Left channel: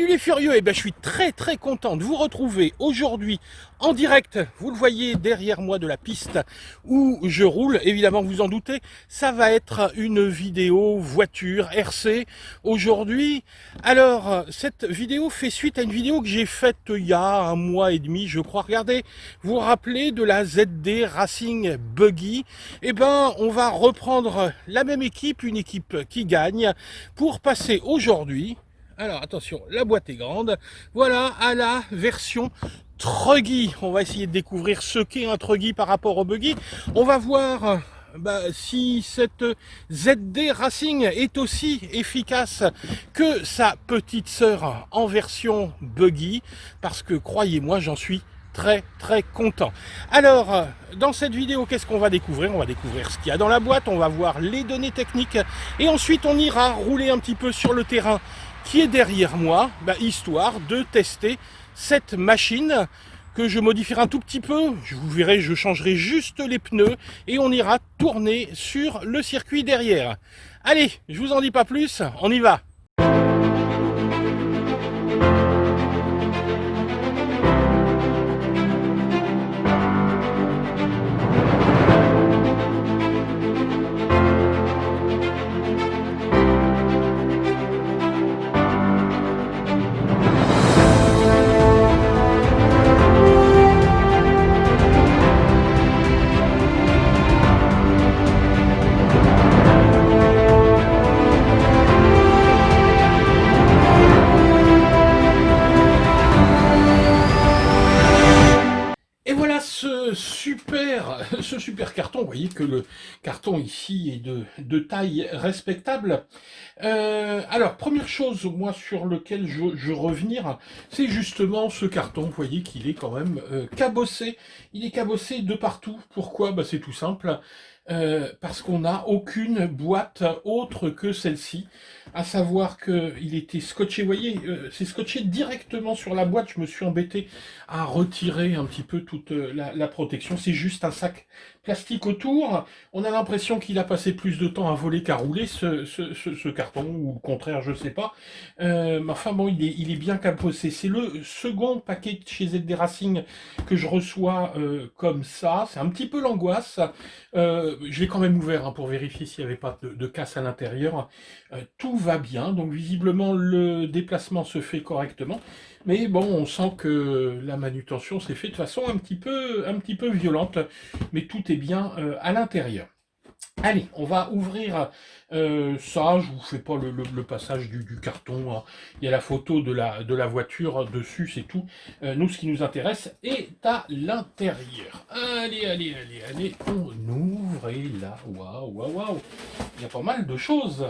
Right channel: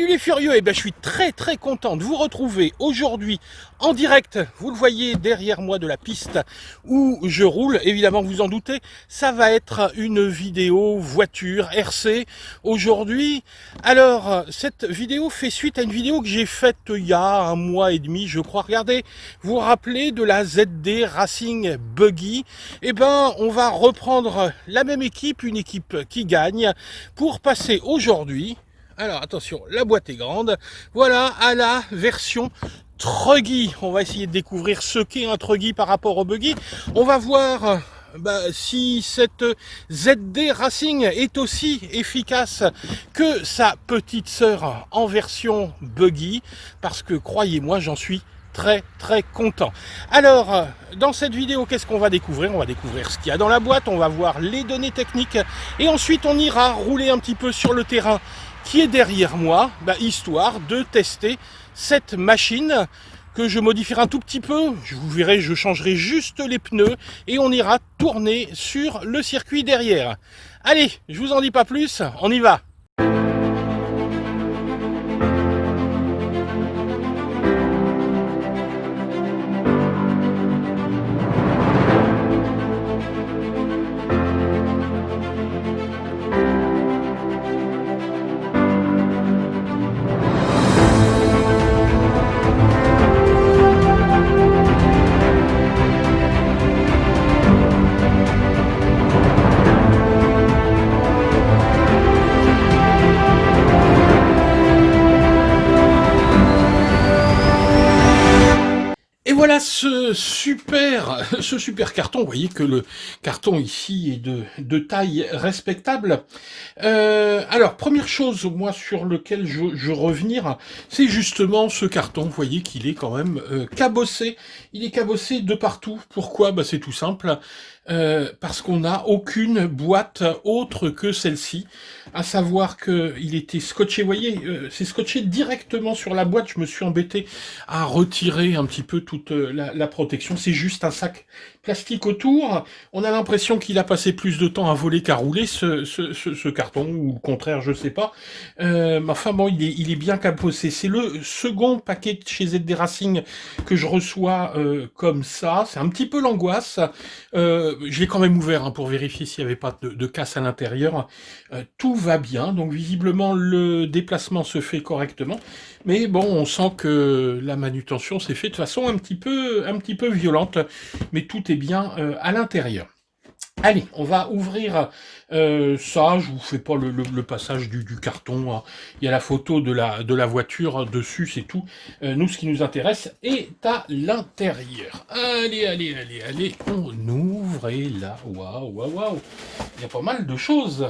Salut les furieux, et ben je suis très content de vous retrouver aujourd'hui en direct. Vous le voyez derrière moi de la piste où je roule, évidemment vous en doutez, ça va être une vidéo voiture RC aujourd'hui. Alors cette vidéo fait suite à une vidéo que j'ai faite il y a un mois et demi je crois. Regardez, vous vous rappelez de la ZD Racing Buggy? Et ben on va reprendre la même équipe, une équipe qui gagne, pour passer aujourd'hui, alors attention, la boîte est grande, voilà, à la version Truggy. On va essayer de découvrir ce qu'est un Truggy par rapport au Buggy. On va voir si cette ZD Racing est aussi efficace que sa petite sœur en version Buggy, parce que croyez-moi, j'en suis très content. Alors, dans cette vidéo, qu'est-ce qu'on va découvrir? On va découvrir ce qu'il y a dans la boîte, on va voir les données techniques, et ensuite on ira rouler un petit peu sur le terrain qui est derrière moi, histoire de tester cette machine que je modifierai un tout petit peu. Vous verrez, je changerai juste les pneus et on ira tourner sur le circuit derrière. Allez, je vous en dis pas plus, on y va. Et voilà ce super carton. Vous voyez que le carton ici est de taille respectable. Alors, première chose, moi, sur lequel je revenir, c'est justement ce carton. Vous voyez qu'il est quand même cabossé. Il est cabossé de partout. Pourquoi? C'est tout simple. Parce qu'on n'a aucune boîte autre que celle-ci, à savoir qu'il était scotché, vous voyez, c'est scotché directement sur la boîte. Je me suis embêté à retirer un petit peu toute la protection. C'est juste un sac plastique autour. On a l'impression qu'il a passé plus de temps à voler qu'à rouler, ce carton, ou le contraire, je sais pas. Mais enfin bon, il est bien cabossé. C'est le second paquet de chez ZD Racing que je reçois comme ça. C'est un petit peu l'angoisse. Je l'ai quand même ouvert pour vérifier s'il n'y avait pas de casse à l'intérieur. Tout va bien, donc visiblement le déplacement se fait correctement. Mais bon, on sent que la manutention s'est faite de façon un petit peu violente, mais tout est bien à l'intérieur. Allez, on va ouvrir ça. Je vous fais pas le passage du carton, hein. Il y a la photo de la voiture dessus, c'est tout. Nous, ce qui nous intéresse est à l'intérieur. Allez, on ouvre et là, waouh. Il y a pas mal de choses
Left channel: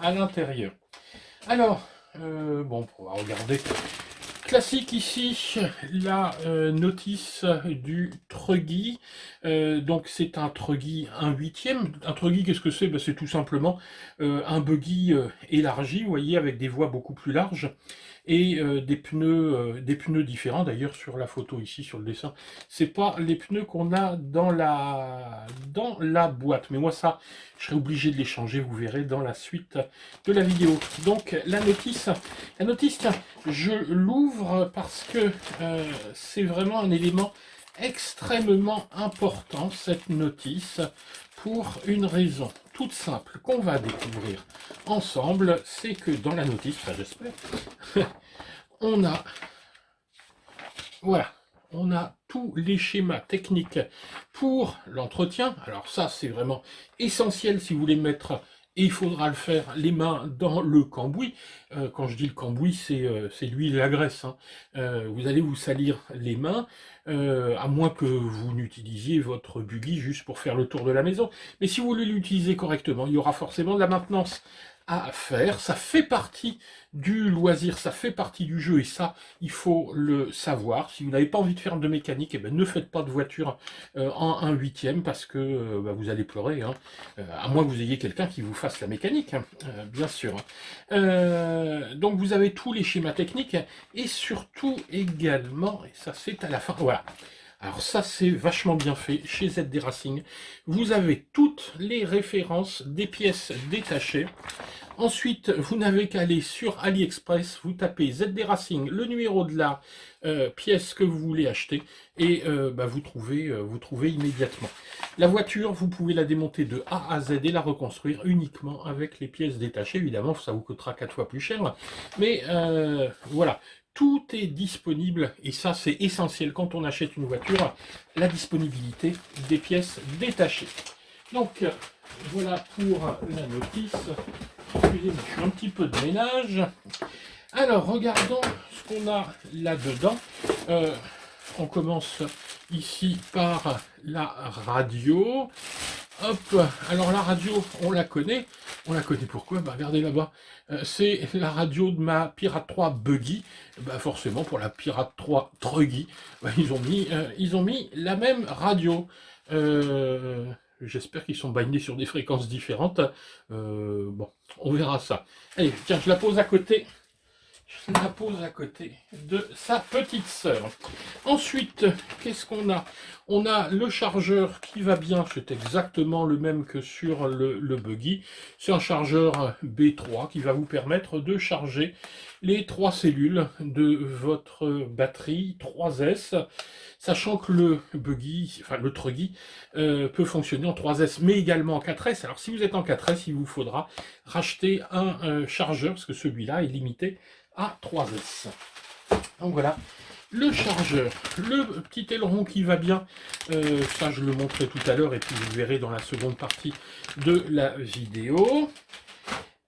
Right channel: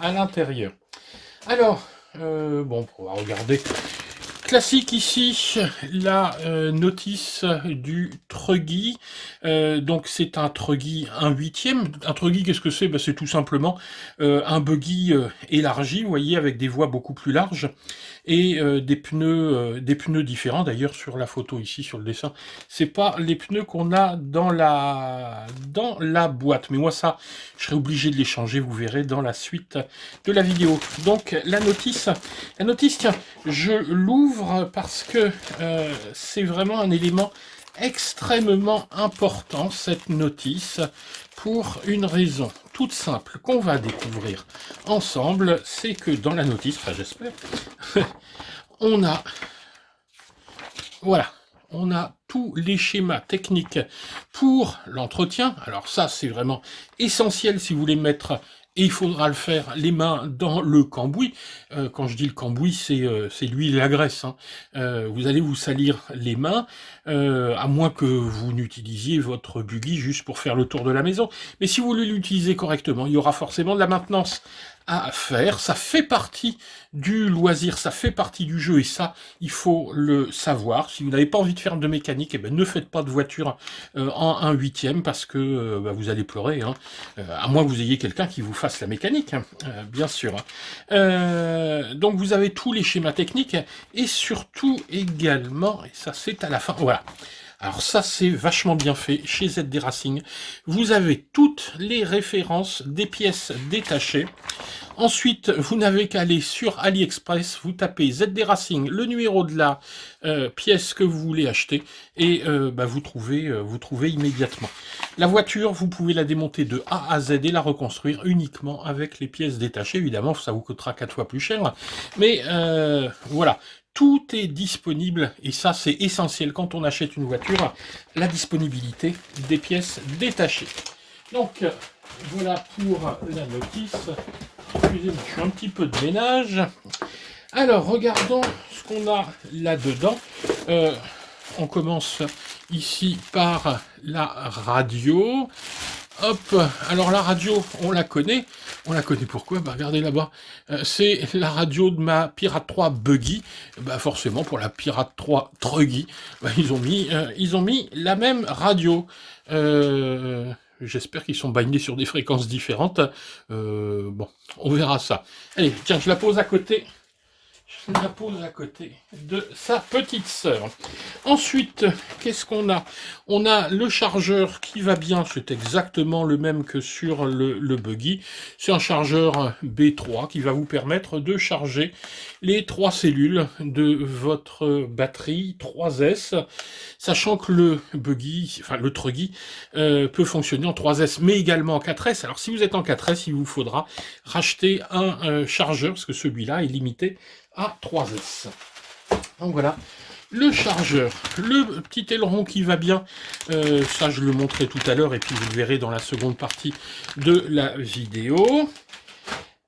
à l'intérieur. Alors, bon, on va regarder. Classique ici, la notice du Truggy. Donc c'est un Truggy 1/8. Un Truggy, qu'est-ce que c'est? C'est tout simplement un buggy élargi, vous voyez, avec des voies beaucoup plus larges et des pneus différents. D'ailleurs, sur la photo ici, sur le dessin, c'est pas les pneus qu'on a dans la boîte. Mais moi, ça, je serai obligé de les changer, vous verrez dans la suite de la vidéo. Donc la notice, tiens, je l'ouvre parce que c'est vraiment un élément extrêmement important, cette notice, pour une raison toute simple qu'on va découvrir ensemble. C'est que dans la notice, j'espère, on a, voilà, on a tous les schémas techniques pour l'entretien. Alors ça, c'est vraiment essentiel si vous voulez mettre, et il faudra le faire, les mains dans le cambouis. Quand je dis le cambouis, c'est l'huile et la graisse, hein. Vous allez vous salir les mains, à moins que vous n'utilisiez votre buggy juste pour faire le tour de la maison. Mais si vous voulez l'utiliser correctement, il y aura forcément de la maintenance à faire. Ça fait partie du loisir, ça fait partie du jeu, et ça, il faut le savoir. Si vous n'avez pas envie de faire de mécanique, ne faites pas de voiture en 1/8, parce que vous allez pleurer, hein. À moins que vous ayez quelqu'un qui vous fasse la mécanique, hein, bien sûr. Donc vous avez tous les schémas techniques, et surtout également, et ça c'est à la fin, voilà. Alors ça, c'est vachement bien fait chez ZD Racing. Vous avez toutes les références des pièces détachées. Ensuite, vous n'avez qu'à aller sur AliExpress, vous tapez ZD Racing, le numéro de la pièce que vous voulez acheter, et vous trouvez immédiatement. La voiture, vous pouvez la démonter de A à Z et la reconstruire uniquement avec les pièces détachées. Évidemment, ça vous coûtera 4 fois plus cher, mais voilà. Tout est disponible, et ça c'est essentiel quand on achète une voiture, la disponibilité des pièces détachées. Donc, voilà pour la notice. Excusez-moi, je fais un petit peu de ménage. Alors, regardons ce qu'on a là-dedans. On commence ici par la radio. Hop, alors la radio, on la connaît. On la connaît pourquoi? Regardez là-bas. C'est la radio de ma Pirate 3 Buggy. Forcément, pour la Pirate 3 Truggy, ils ont mis la même radio. J'espère qu'ils sont bindés sur des fréquences différentes. Bon, on verra ça. Allez, tiens, je la pose à côté. Je la pose à côté de sa petite sœur. Ensuite, qu'est-ce qu'on a? On a le chargeur qui va bien, c'est exactement le même que sur le buggy. C'est un chargeur B3 qui va vous permettre de charger les 3 cellules de votre batterie 3S, sachant que le buggy, enfin le truggy, peut fonctionner en 3S, mais également en 4S. Alors si vous êtes en 4S, il vous faudra racheter un chargeur, parce que celui-là est limité à 3S. Donc voilà, le chargeur, le petit aileron qui va bien, ça je le montrerai tout à l'heure et puis vous le verrez dans la seconde partie de la vidéo.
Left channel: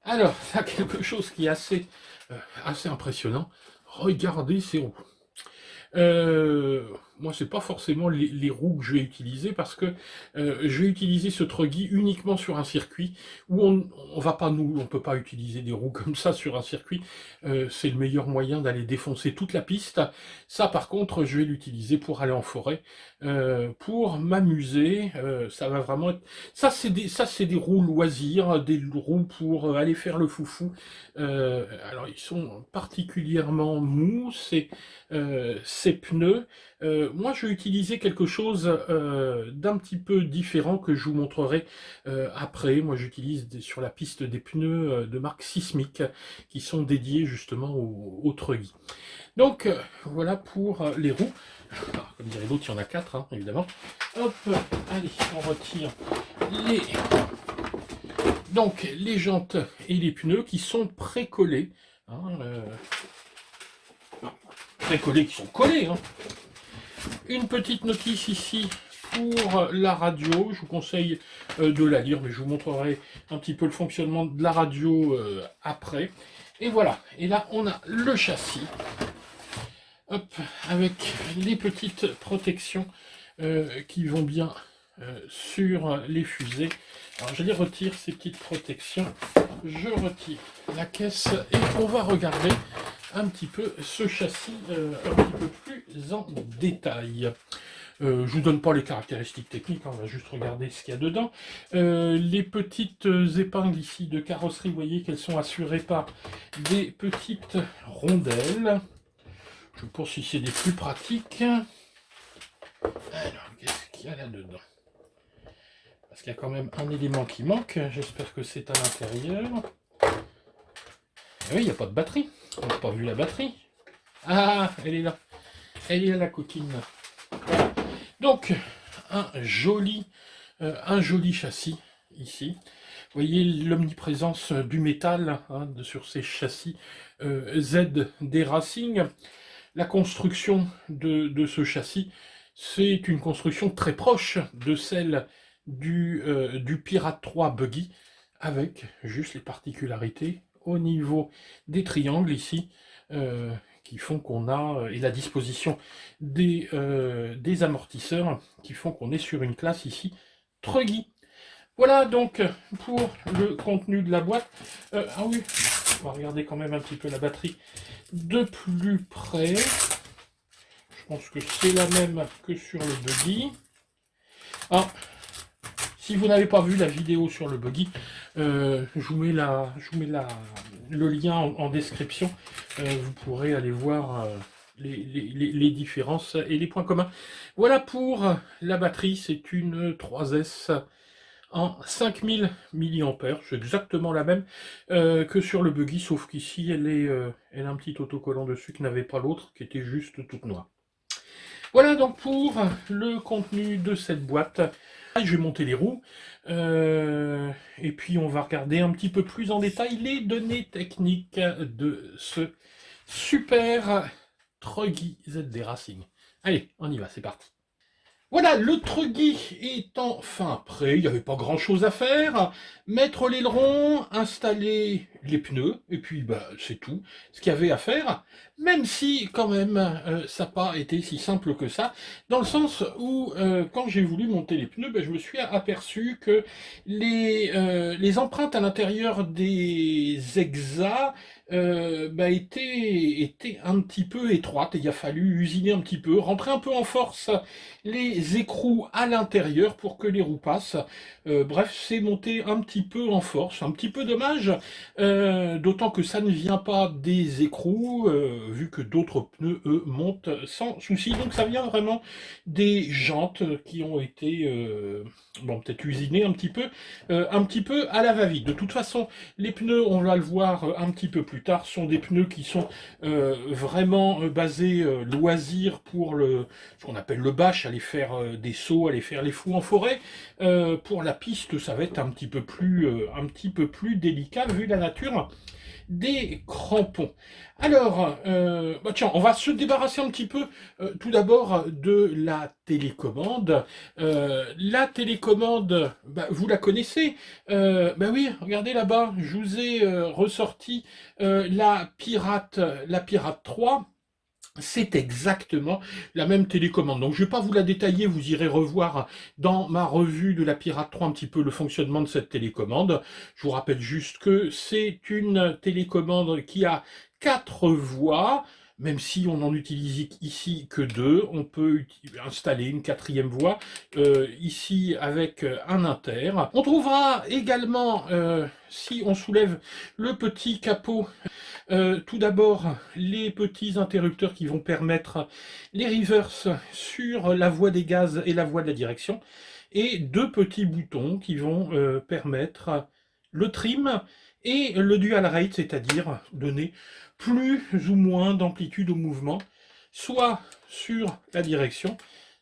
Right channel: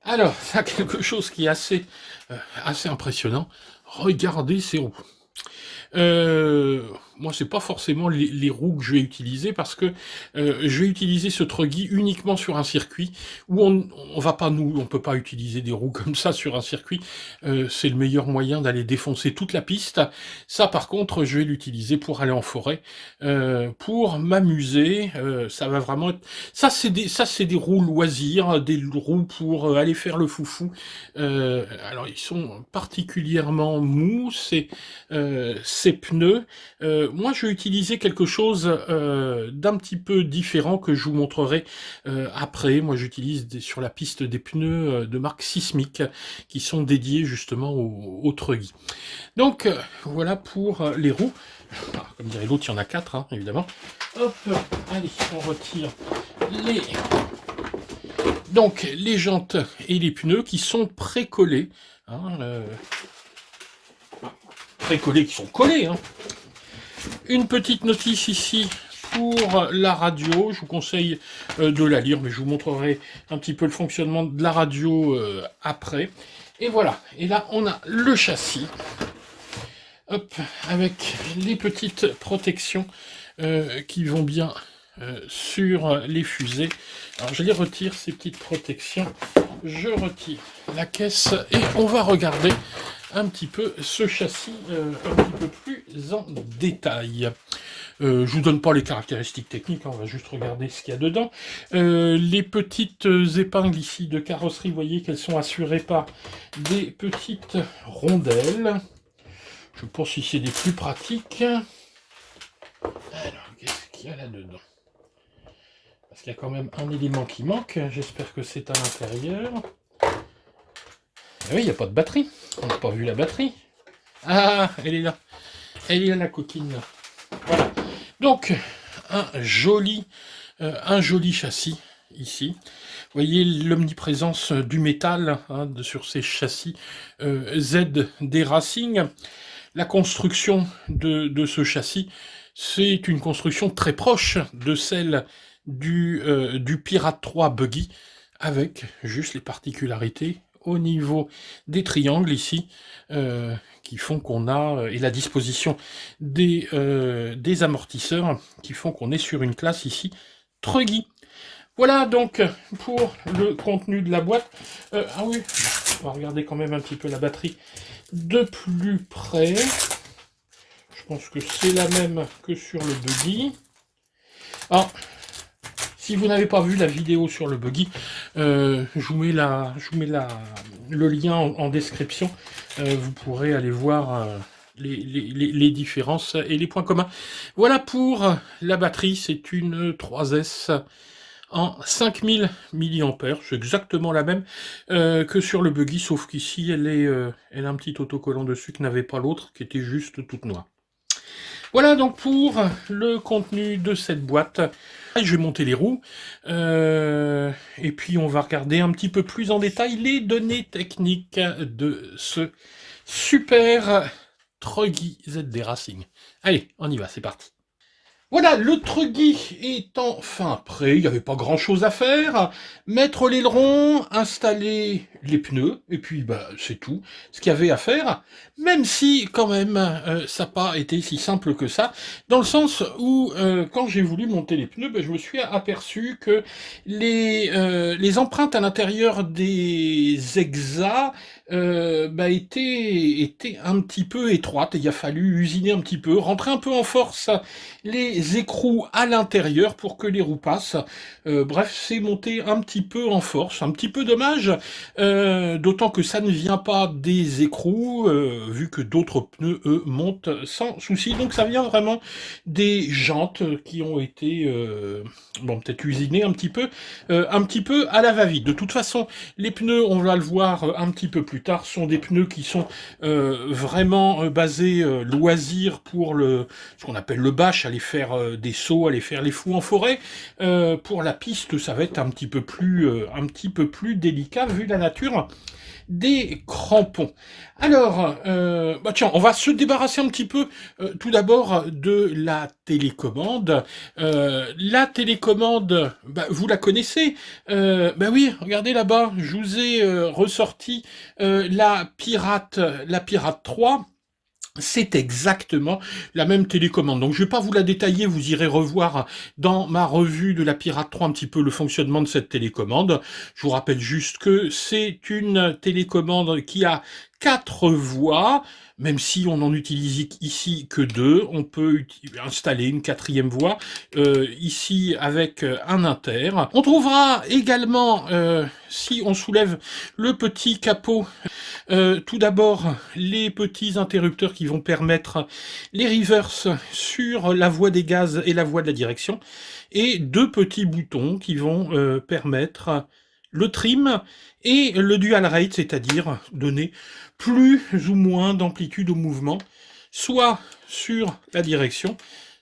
Alors, ça a quelque chose qui est assez impressionnant. Regardez ces roues. Moi, c'est pas forcément les roues que je vais utiliser parce que je vais utiliser ce truggy uniquement sur un circuit où on peut pas utiliser des roues comme ça sur un circuit. C'est le meilleur moyen d'aller défoncer toute la piste. Ça, par contre, je vais l'utiliser pour aller en forêt, pour m'amuser. Ça va vraiment être... Ça, c'est des roues loisirs, des roues pour aller faire le foufou. Alors, ils sont particulièrement mous, ces pneus. Moi, je vais utiliser quelque chose d'un petit peu différent que je vous montrerai après. Moi, j'utilise sur la piste des pneus de marque Sismic qui sont dédiés justement au truggy. Donc, voilà pour les roues. Comme dirait l'autre, il y en a 4, hein, évidemment. Hop, allez, on retire les jantes et les pneus qui sont précollés. Hein, précollés qui sont collés. Hein. Une petite notice ici pour la radio. Je vous conseille de la lire, mais je vous montrerai un petit peu le fonctionnement de la radio après. Et voilà. Et là, on a le châssis. Hop, avec les petites protections qui vont bien sur les fusées. Alors, je les retire, ces petites protections. Je retire la caisse et on va regarder un petit peu ce châssis un petit peu plus en détail. Je vous donne pas les caractéristiques techniques, hein, on va juste regarder ce qu'il y a dedans. Les petites épingles ici de carrosserie, vous voyez qu'elles sont assurées par des petites rondelles. Je pense que c'est des plus pratiques. Alors, qu'est-ce qu'il y a là-dedans? Parce qu'il y a quand même un élément qui manque. J'espère que c'est à l'intérieur. Oui, il n'y a pas de batterie. On n'a pas vu la batterie. Ah, elle est là. Elle est là, la coquine. Voilà. Donc, un joli châssis ici. Vous voyez l'omniprésence du métal hein, sur ces châssis ZD Racing. La construction de ce châssis, c'est une construction très proche de celle du Pirate 3 Buggy, avec juste les particularités au niveau des triangles ici, qui font qu'on a, et la disposition des amortisseurs, qui font qu'on est sur une classe ici, Truggy. Voilà donc pour le contenu de la boîte. Ah oui, on va regarder quand même un petit peu la batterie de plus près. Je pense que c'est la même que sur le buggy. Alors, si vous n'avez pas vu la vidéo sur le buggy, je vous mets le lien en description. Vous pourrez aller voir les différences et les points communs. Voilà pour la batterie, c'est une 3S en 5000 mAh, c'est exactement la même que sur le buggy, sauf qu'ici elle a un petit autocollant dessus que n'avait pas l'autre, qui était juste toute noire. Voilà donc pour le contenu de cette boîte. Je vais monter les roues et puis on va regarder un petit peu plus en détail les données techniques de ce super Truggy ZD Racing. Allez, on y va, c'est parti. Voilà, le Truggy est enfin prêt, il n'y avait pas grand chose à faire. Mettre l'aileron, installer les pneus, et puis bah, c'est tout ce qu'il y avait à faire. Même si quand même ça n'a pas été si simple que ça, dans le sens où quand j'ai voulu monter les pneus, bah, je me suis aperçu que les empreintes à l'intérieur des exas bah, étaient un petit peu étroites. Il a fallu usiner un petit peu, rentrer un peu en force les écrous à l'intérieur pour que les roues passent. Bref, c'est monté un petit peu en force, un petit peu dommage, d'autant que ça ne vient pas des écrous, vu que d'autres pneus, eux, montent sans souci. Donc ça vient vraiment des jantes qui ont été, bon, peut-être usinées un petit peu à la va-vite. De toute façon, les pneus, on va le voir un petit peu plus tard, sont des pneus qui sont vraiment basés loisirs pour ce qu'on appelle le bâche, aller faire des sauts, aller faire les fous en forêt. Pour la piste, ça va être un petit peu plus délicat vu la nature des crampons. Alors, bah tiens, on va se débarrasser un petit peu tout d'abord de la télécommande. La télécommande, bah, vous la connaissez. Bah oui, regardez là-bas, je vous ai ressorti la Pirate 3. C'est exactement la même télécommande. Donc je ne vais pas vous la détailler, vous irez revoir dans ma revue de la Pirate 3 un petit peu le fonctionnement de cette télécommande. Je vous rappelle juste que c'est une télécommande qui a 4 voies, même si on n'en utilise ici que 2. On peut installer une 4e voie ici avec un inter. On trouvera également, si on soulève le petit capot, tout d'abord, les petits interrupteurs qui vont permettre les reverse sur la voie des gaz et la voie de la direction, et 2 petits boutons qui vont permettre le trim et le dual rate, c'est-à-dire donner plus ou moins d'amplitude au mouvement, soit sur la direction,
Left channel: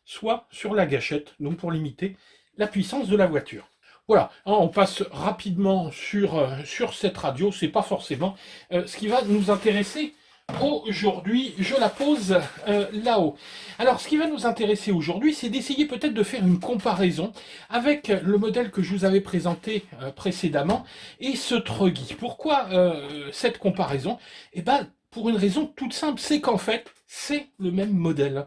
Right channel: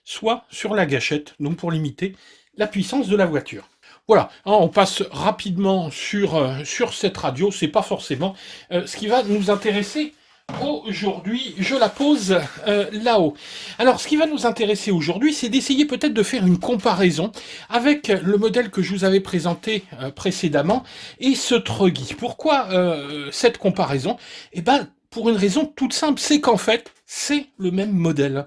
soit sur la gâchette, donc pour limiter la puissance de la voiture. Voilà, on passe rapidement sur cette radio, c'est pas forcément ce qui va nous intéresser aujourd'hui. Je la pose là-haut. Alors, ce qui va nous intéresser aujourd'hui, c'est d'essayer peut-être de faire une comparaison avec le modèle que je vous avais présenté précédemment et ce Truggy. Pourquoi cette comparaison? Eh ben, pour une raison toute simple, c'est qu'en fait, c'est le même modèle.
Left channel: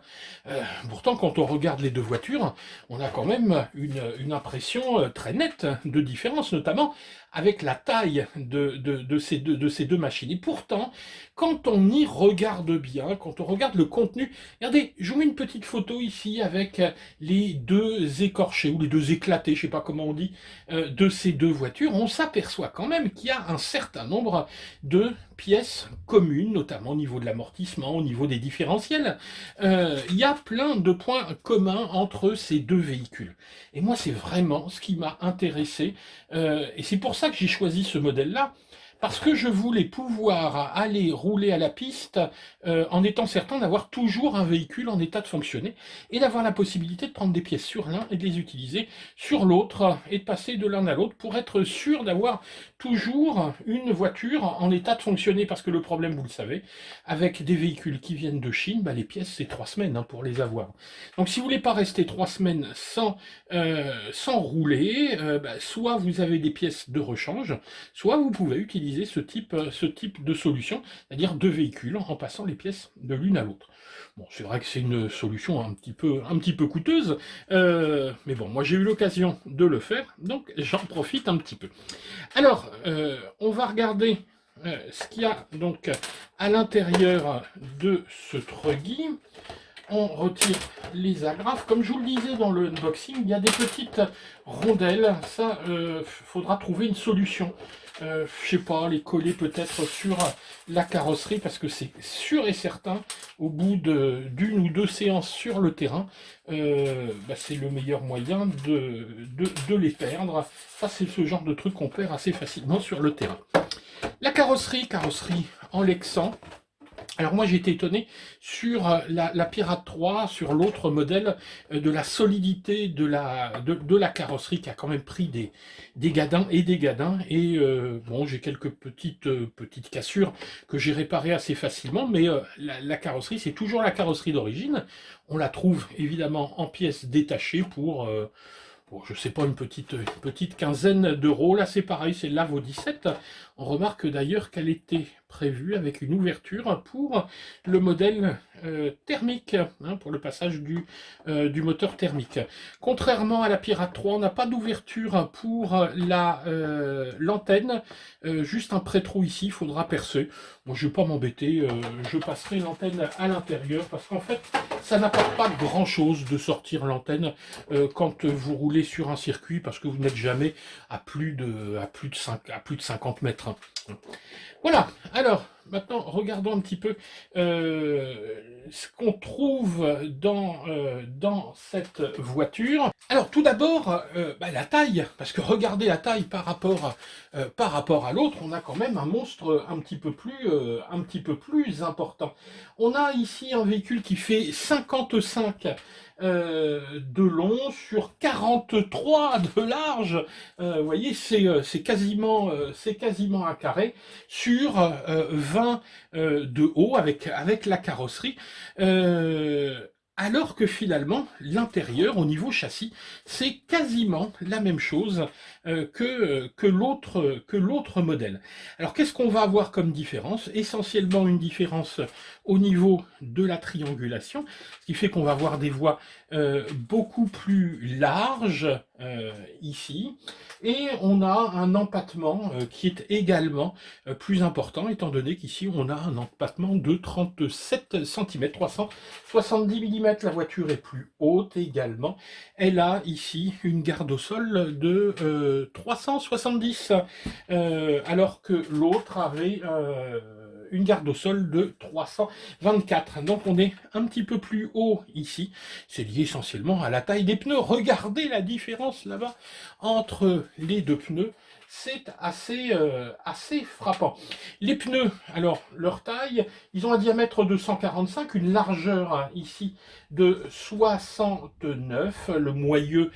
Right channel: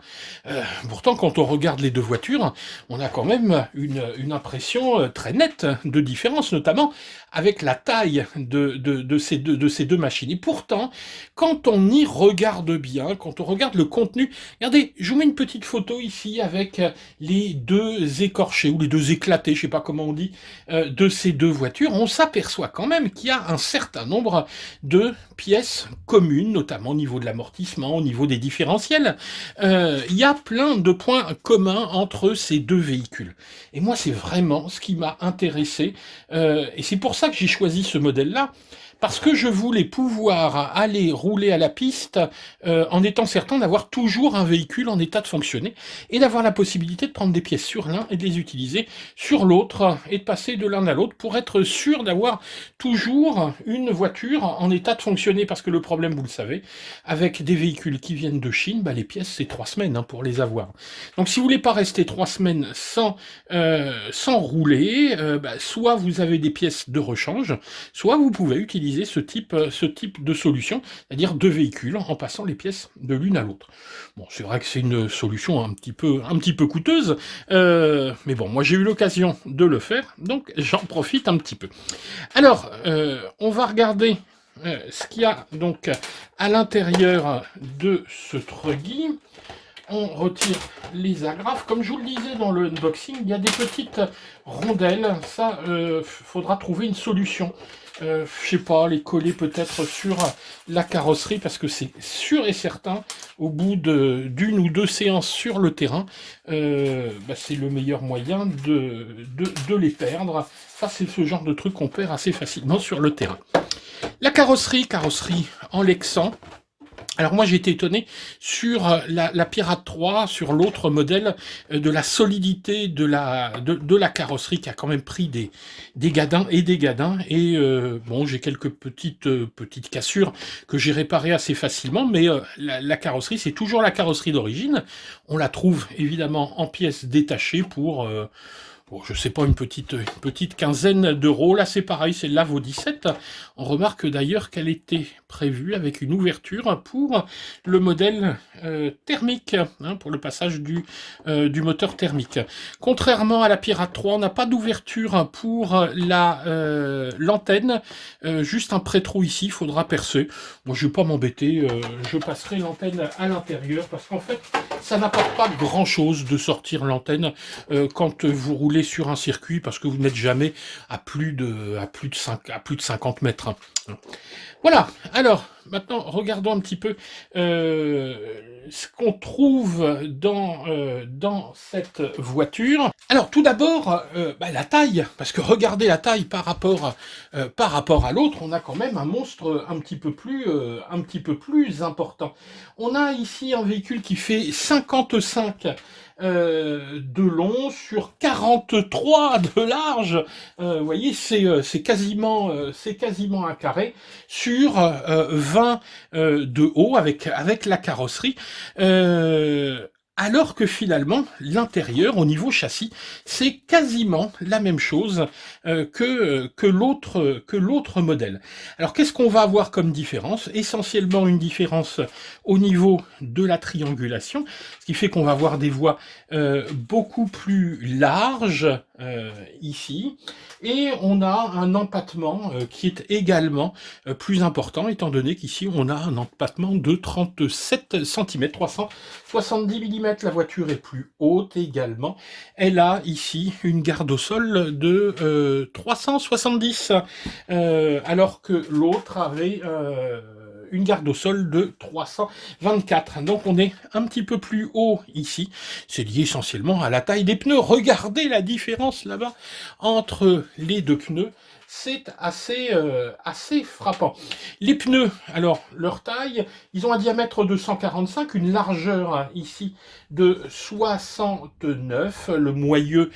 Pourtant, quand on regarde les deux voitures, on a quand même une impression très nette de différence, notamment avec la taille de ces deux machines. Et pourtant, quand on y regarde bien, quand on regarde le contenu, regardez, je vous mets une petite photo ici avec les deux écorchés, ou les deux éclatés, je ne sais pas comment on dit, de ces deux voitures. On s'aperçoit quand même qu'il y a un certain nombre de pièces communes, notamment au niveau de l'amortissement, au niveau des différentiels. Il y a plein de points communs entre ces deux véhicules. Et moi, c'est vraiment ce qui m'a intéressé. Et c'est pour ça que j'ai choisi ce modèle-là. Parce que je voulais pouvoir aller rouler à la piste en étant certain d'avoir toujours un véhicule en état de fonctionner et d'avoir la possibilité de prendre des pièces sur l'un et de les utiliser sur l'autre et de passer de l'un à l'autre pour être sûr d'avoir toujours une voiture en état de fonctionner. Parce que le problème, vous le savez, avec des véhicules qui viennent de Chine, bah, les pièces, c'est 3 semaines hein, pour les avoir. Donc si vous voulez pas rester 3 semaines sans rouler, bah, soit vous avez des pièces de rechange, soit vous pouvez utiliser ce type de solution, c'est-à-dire 2 véhicules en passant les pièces de l'une à l'autre. Bon, c'est vrai que c'est une solution un petit peu coûteuse, mais bon, moi j'ai eu l'occasion de le faire, donc j'en profite un petit peu. Alors, on va regarder ce qu'il y a donc à l'intérieur de ce Truggy. on retire les agrafes. Comme je vous le disais dans le unboxing, il y a des petites rondelles. Ça, faudra trouver une solution. Je sais pas, les coller peut-être sur la carrosserie, parce que c'est sûr et certain, au bout d'une ou deux séances sur le terrain, c'est le meilleur moyen de les perdre. Ça, c'est ce genre de truc qu'on perd assez facilement sur le terrain. La carrosserie en Lexan. Alors moi j'ai été étonné sur la Pirate 3, sur l'autre modèle, de la solidité de la carrosserie qui a quand même pris des gadins et des gadins. Et bon, j'ai quelques petites cassures que j'ai réparées assez facilement, mais la carrosserie, c'est toujours la carrosserie d'origine. On la trouve évidemment en pièces détachées pour... bon, je sais pas, une petite quinzaine d'euros. Là, c'est pareil, c'est la vaut 17. On remarque d'ailleurs qu'elle était prévue avec une ouverture pour le modèle thermique, hein, pour le passage du moteur thermique. Contrairement à la Pirate 3, on n'a pas d'ouverture pour l'antenne, juste un pré-trou ici, il faudra percer. Moi, je ne vais pas m'embêter, je passerai l'antenne à l'intérieur, parce qu'en fait, ça n'apporte pas grand-chose de sortir l'antenne quand vous roulez sur un circuit, parce que vous n'êtes jamais à plus de 50 mètres. Hein. Voilà, alors, maintenant, regardons un petit peu ce qu'on trouve dans cette voiture. Alors, tout d'abord, la taille, parce que regardez la taille par rapport à l'autre, on a quand même un monstre un petit peu plus important. On a ici un véhicule qui fait 55 de long sur 43 de large. Vous voyez, c'est quasiment un carré sur 20 de haut avec la carrosserie. Alors que finalement, l'intérieur, au niveau châssis, c'est quasiment la même chose que l'autre modèle. Alors, qu'est-ce qu'on va avoir comme différence? Essentiellement une différence au niveau de la triangulation, ce qui fait qu'on va avoir des voies beaucoup plus larges ici, et on a un empattement qui est également plus important, étant donné qu'ici on a un empattement de 37 cm, 370 mm. La voiture est plus haute également. Elle a ici une garde au sol de 370, alors que l'autre avait une garde au sol de 324. Donc on est un petit peu plus haut ici. C'est lié essentiellement à la taille des pneus. Regardez la différence là-bas entre les deux pneus. C'est assez frappant. Les pneus, alors leur taille, ils ont un diamètre de 145, une largeur ici de 69. Le moyeu,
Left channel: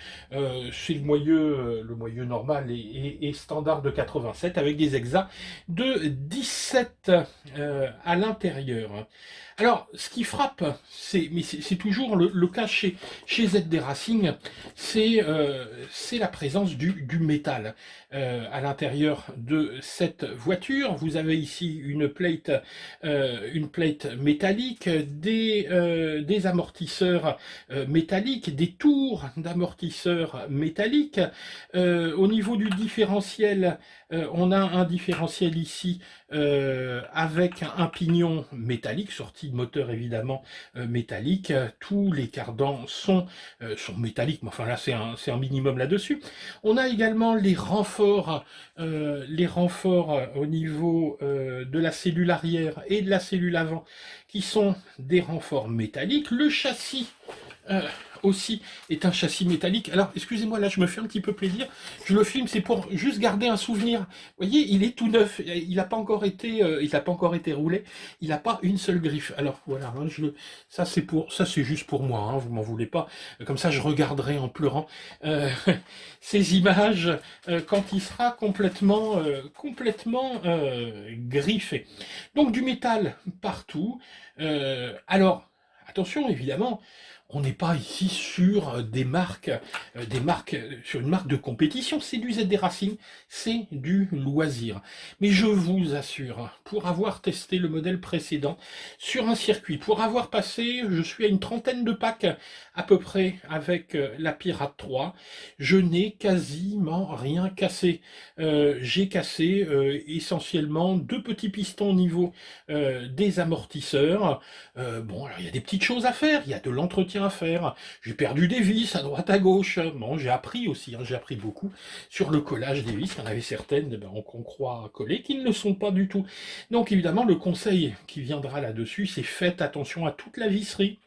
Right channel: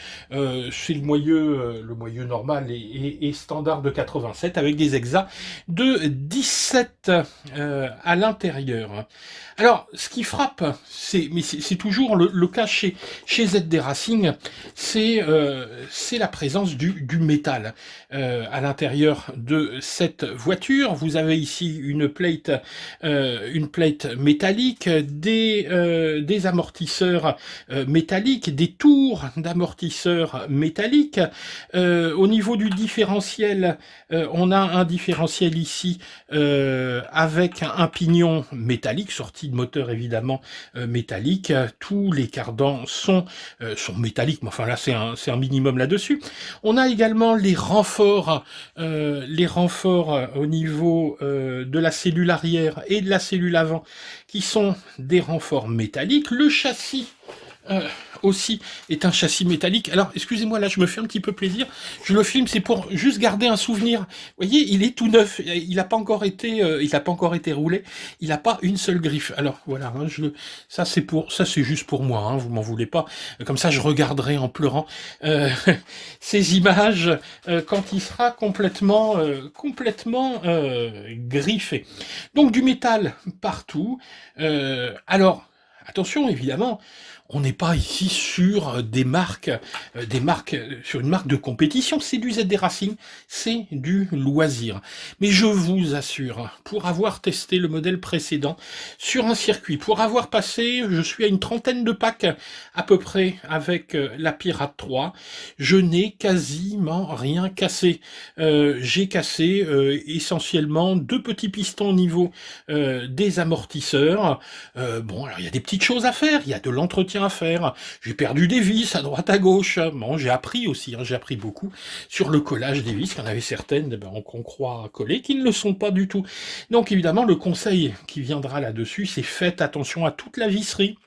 c'est le moyeu normal et standard de 87, avec des hexas de 17 à l'intérieur. Alors, ce qui frappe, c'est toujours le cas chez ZD Racing, c'est la présence du métal à l'intérieur de cette voiture. Vous avez ici une plate métallique, des amortisseurs métalliques, des tours d'amortisseurs métalliques. Au niveau du différentiel, on a un différentiel ici avec un pignon métallique, sorti de moteur évidemment métallique. Tous les cardans sont métalliques, mais enfin là c'est un minimum là-dessus. On a également les renforts au niveau de la cellule arrière et de la cellule avant, qui sont des renforts métalliques. Le châssis aussi est un châssis métallique. Alors, excusez-moi, là, je me fais un petit peu plaisir. Je le filme, c'est pour juste garder un souvenir. Vous voyez, il est tout neuf. Il n'a pas encore été roulé. Il n'a pas une seule griffe. Alors, voilà. Hein, ça, c'est juste pour moi. Hein, vous m'en voulez pas. Comme ça, je regarderai en pleurant ces images quand il sera complètement griffé. Donc, du métal partout. Alors, attention, évidemment, On n'est pas ici sur sur une marque de compétition, c'est du ZD Racing, c'est du loisir. Mais je vous assure, pour avoir testé le modèle précédent sur un circuit, pour avoir passé, je suis à une trentaine de packs à peu près avec la Pirate 3, je n'ai quasiment rien cassé. J'ai cassé essentiellement deux petits pistons au niveau des amortisseurs. Bon, alors il y a des petites choses à faire, il y a de l'entretien à faire. J'ai perdu des vis à droite à gauche. Bon, j'ai appris aussi, hein, j'ai appris beaucoup sur le collage des vis. Il y en avait certaines qu'on croit coller, qui ne le sont pas du tout. Donc évidemment, le conseil qui viendra là-dessus, c'est faites attention à toute la visserie.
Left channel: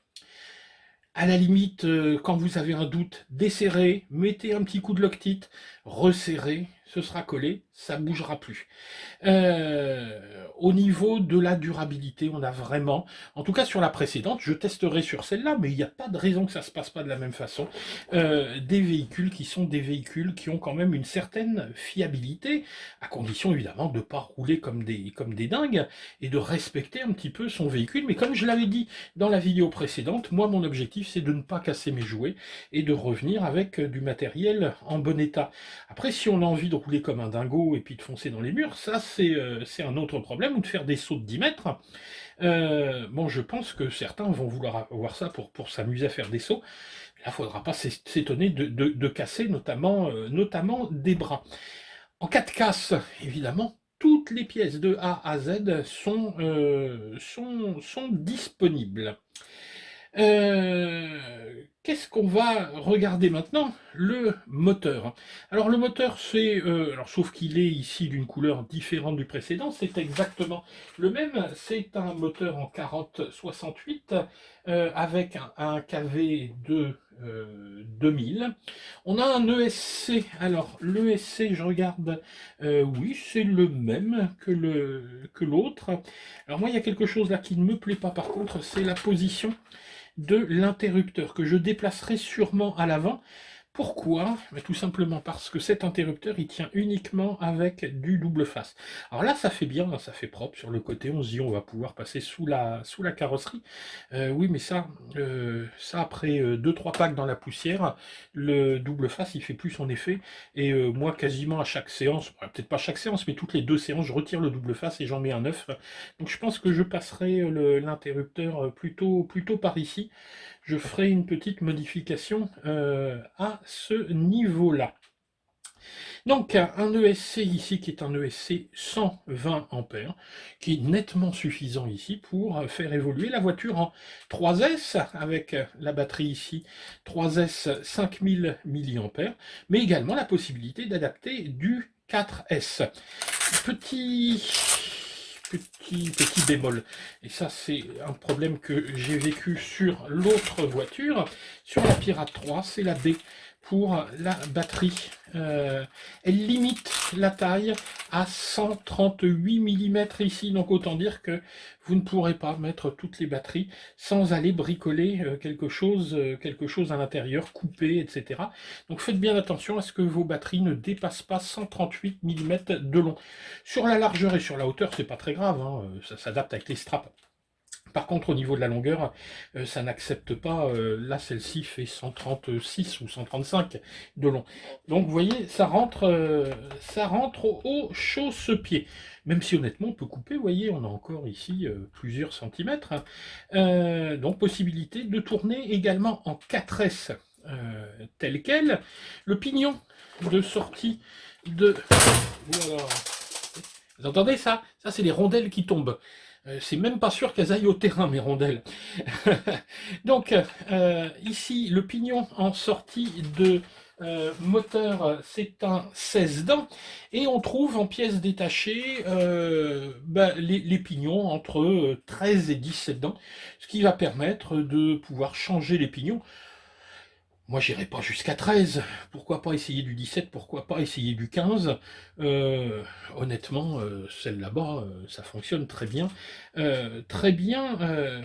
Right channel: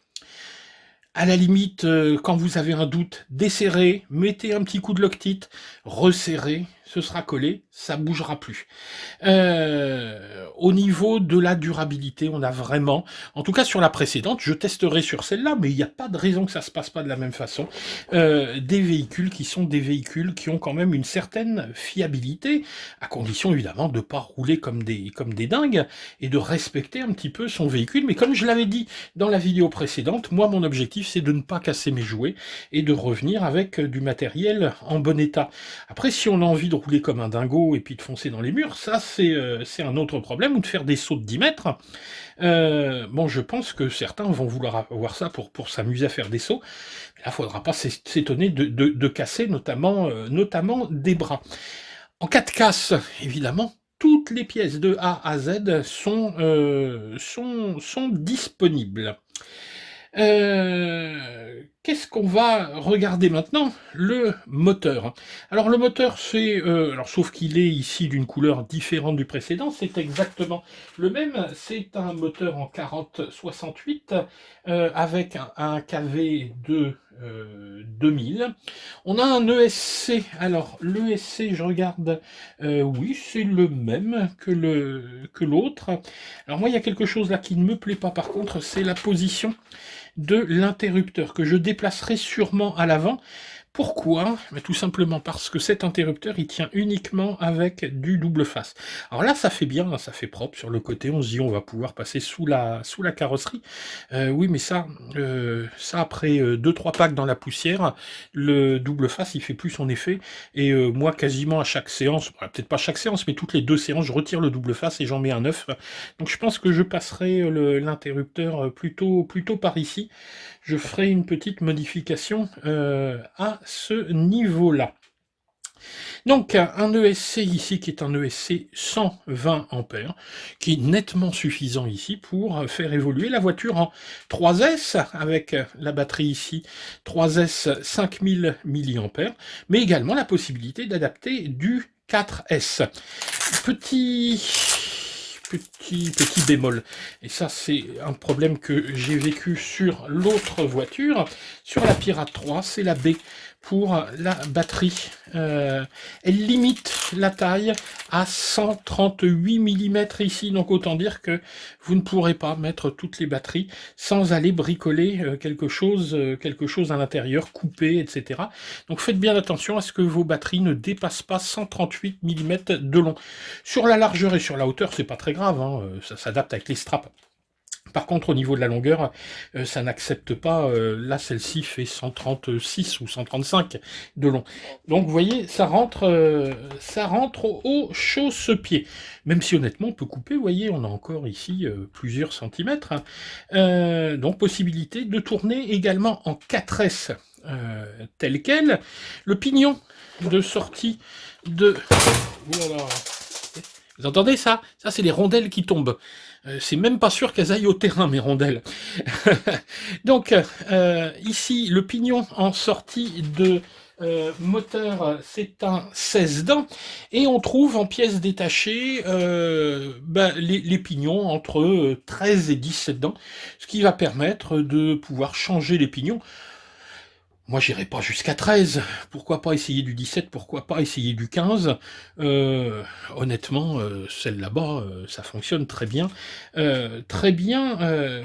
À la limite, quand vous avez un doute, desserrez, mettez un petit coup de Loctite, resserrez, ce sera collé, ça ne bougera plus. Au niveau de la durabilité, on a vraiment, en tout cas sur la précédente, je testerai sur celle-là, mais il n'y a pas de raison que ça ne se passe pas de la même façon, des véhicules qui sont des véhicules qui ont quand même une certaine fiabilité, à condition évidemment de ne pas rouler comme des dingues, et de respecter un petit peu son véhicule. Mais comme je l'avais dit dans la vidéo précédente, moi mon objectif c'est de ne pas casser mes jouets, et de revenir avec du matériel en bon état. Après, si on a envie de rouler comme un dingo et puis de foncer dans les murs, ça c'est un autre problème, ou de faire des sauts de 10 mètres. Bon, je pense que certains vont vouloir avoir ça pour s'amuser à faire des sauts. Mais là, il ne faudra pas s'étonner de casser notamment des bras. En cas de casse, évidemment, toutes les pièces de A à Z sont disponibles. Qu'est-ce qu'on va regarder maintenant? Le moteur. Alors le moteur, alors sauf qu'il est ici d'une couleur différente du précédent, c'est exactement le même. C'est un moteur en 4068 avec un KV de 2000. On a un ESC. Alors l'ESC, je regarde, oui, c'est le même que l'autre. Alors moi, il y a quelque chose là qui ne me plaît pas par contre, c'est la position de l'interrupteur que je déplacerai sûrement à l'avant. Pourquoi? Tout simplement parce que cet interrupteur, il tient uniquement avec du double face. Alors là, ça fait bien, ça fait propre sur le côté. On se dit, on va pouvoir passer sous la carrosserie. Oui, mais ça après 2-3 packs dans la poussière, le double face, il fait plus son effet. Et moi, quasiment à chaque séance, peut-être pas chaque séance, mais toutes les 2 séances, je retire le double face et j'en mets un neuf. Donc je pense que je passerai l'interrupteur plutôt par ici. Je ferai une petite modification à ce niveau-là. Donc un ESC ici qui est un ESC 120 ampères, qui est nettement suffisant ici pour faire évoluer la voiture en 3S avec la batterie ici 3S 5000 mAh, mais également la possibilité d'adapter du 4S. Petit bémol, et ça c'est un problème que j'ai vécu sur l'autre voiture, sur la Pirate 3, c'est la baie pour la batterie. Elle limite la taille à 138 mm ici, donc autant dire que vous ne pourrez pas mettre toutes les batteries sans aller bricoler quelque chose à l'intérieur, couper, etc. Donc faites bien attention à ce que vos batteries ne dépassent pas 138 mm de long. Sur la largeur et sur la hauteur, c'est pas très grave, hein, ça s'adapte avec les straps. Par contre, au niveau de la longueur, ça n'accepte pas. Là, celle-ci fait 136 ou 135 de long. Donc, vous voyez, ça rentre au chausse-pied. Même si, honnêtement, on peut couper. Vous voyez, on a encore ici plusieurs centimètres. Donc, possibilité de tourner également en 4S tel quel. Le pignon de sortie de... Voilà. Vous entendez ça? Ça, c'est les rondelles qui tombent. C'est même pas sûr qu'elles aillent au terrain, mes rondelles. Donc, ici, le pignon en sortie de moteur, c'est un 16 dents. Et on trouve en pièces détachées les pignons entre 13 et 17 dents, ce qui va permettre de pouvoir changer les pignons. Moi, j'irai pas jusqu'à 13. Pourquoi pas essayer du 17? Pourquoi pas essayer du 15? Euh, Honnêtement, celle là-bas, ça fonctionne très bien. Très bien,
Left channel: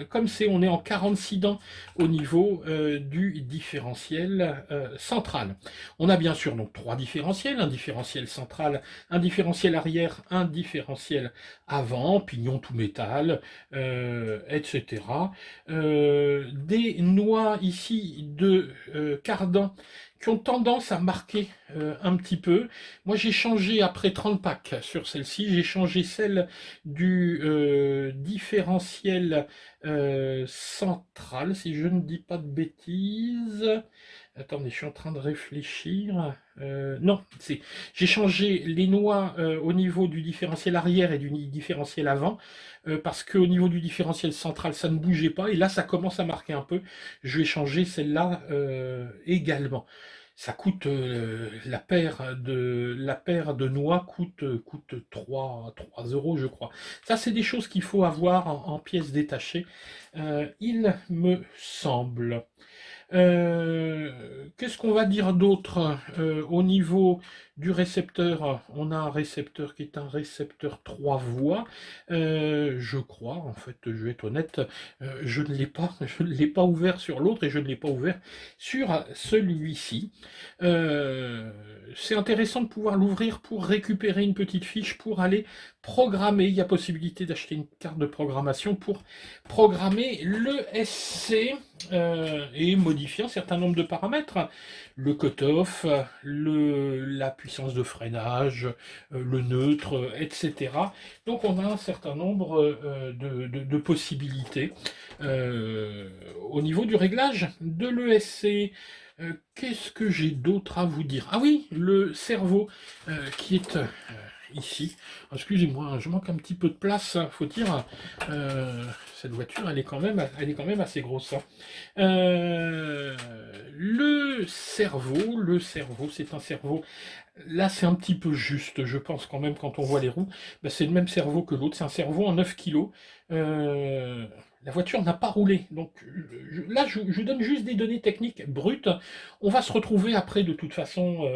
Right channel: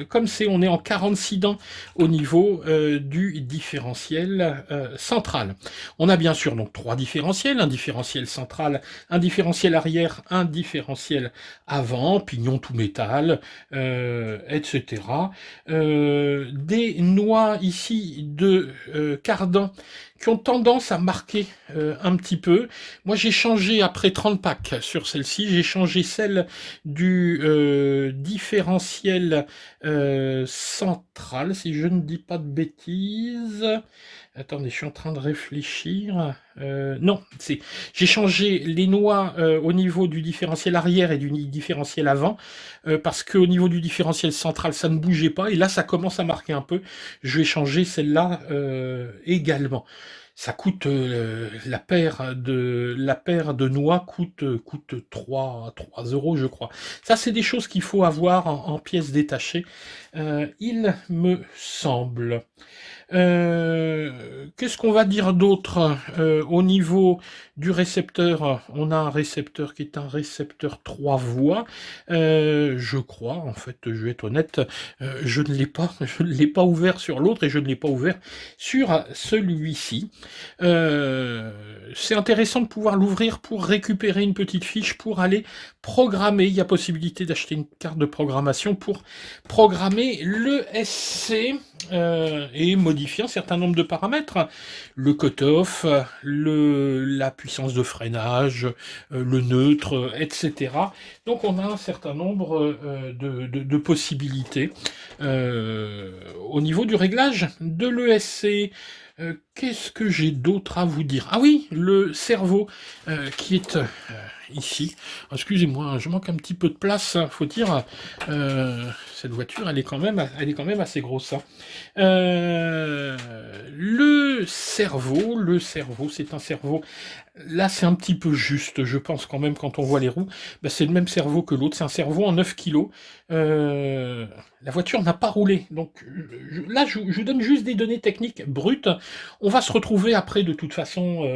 comme on est en 46 dents au niveau du différentiel central. On a bien sûr donc trois différentiels, un différentiel central, un différentiel arrière, un différentiel avant, pignon tout métal, etc. Des noix ici de cardan qui ont tendance à marquer un petit peu. Moi, j'ai changé après 30 packs sur celle-ci. J'ai changé celle du différentiel central, si je ne dis pas de bêtises. Attendez, je suis en train de réfléchir. Non, j'ai changé les noix au niveau du différentiel arrière et du différentiel avant, parce qu'au niveau du différentiel central, ça ne bougeait pas, et là, ça commence à marquer un peu. Je vais changer celle-là également. Ça coûte la paire de noix coûte 3 euros, je crois. Ça, c'est des choses qu'il faut avoir en pièces détachées, il me semble. Qu'est-ce qu'on va dire d'autre au niveau du récepteur? On a un récepteur qui est un récepteur 3 voies. Je crois, en fait, je vais être honnête, je ne l'ai pas, je ne l'ai pas ouvert sur l'autre et je ne l'ai pas ouvert sur celui-ci. C'est intéressant de pouvoir l'ouvrir pour récupérer une petite fiche pour aller programmer. Il y a possibilité d'acheter une carte de programmation pour programmer le SC et modifier un certain nombre de paramètres. Le cutoff, la puissance de freinage, le neutre, etc. Donc on a un certain nombre de possibilités. Au niveau du réglage de l'ESC, qu'est-ce que j'ai d'autre à vous dire? Ah oui, le cerveau qui est ici. Excusez-moi, je manque un petit peu de place, hein, faut dire. Cette voiture, elle est quand même assez grosse, hein. Le cerveau, c'est un cerveau. Là, c'est un petit peu juste, je pense quand même, quand on voit les roues. Bah, c'est le même cerveau que l'autre, c'est un cerveau en 9 kilos. Euh, la voiture n'a pas roulé. Donc là, je vous donne juste des données techniques brutes. On va se retrouver après, de toute façon,